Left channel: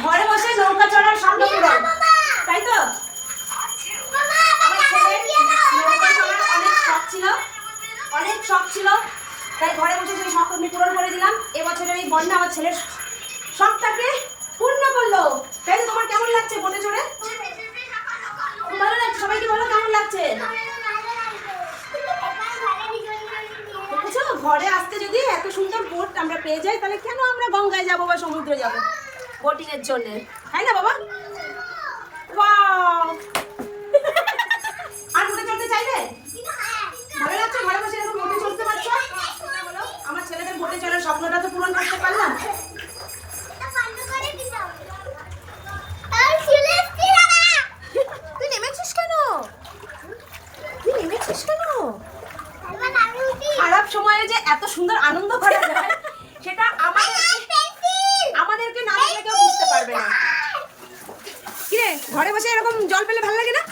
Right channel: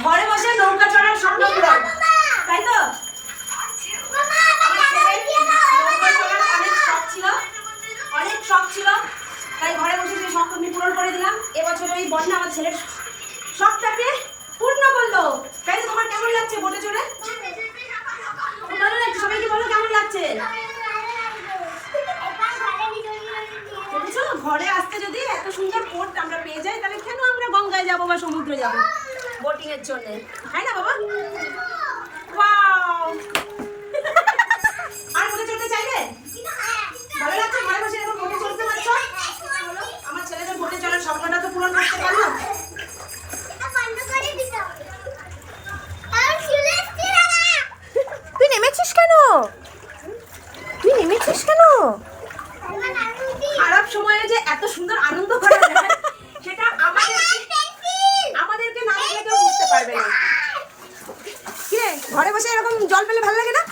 ঘরে বসে নৌকা চড়ার স্বপ্ন পূরণ, তাই তো? আমার ছেলের নৌকা চড়ার অনেক শখ ছিল, তাই ঘরে বসে সেই শখ আমি পূরণ করে দিলাম। এবছরের এই বন্যা আমার ছেলের শখটাকে পূর্ণ করলো। তাই তো? তোমার কেমন লাগছে বোটে চড়ে? খুব ভালো লাগছে। সবাইকে বলো কেমন লাগছে। ঘরে আসতে যদি এত সুন্দর বোট আমরা পেয়ে যাই, তাহলে কেন আমরা গঙ্গায় যাবো বা সমুদ্রে যাবো বোটিং এর জন্য, তাই না বাবা? আর বোটে চড়তে চাইবে? ভালো লাগছে ঘরে বসে এরকম বোটে চড়তে পারছো? আমার ছেলেদের বোটে চড়ার স্বপ্নটা তো পূরণ করতে পারলাম। তুই নেমেছিস কেন? খারাপ সময়ে যে এত সুন্দর আনন্দ করা যায় সেটা আমাদেরকে না দেখলে কেউ বুঝতে পারবে না। কিরে, ঘরে বসে এরকম জল পেলে ভালো লাগে না?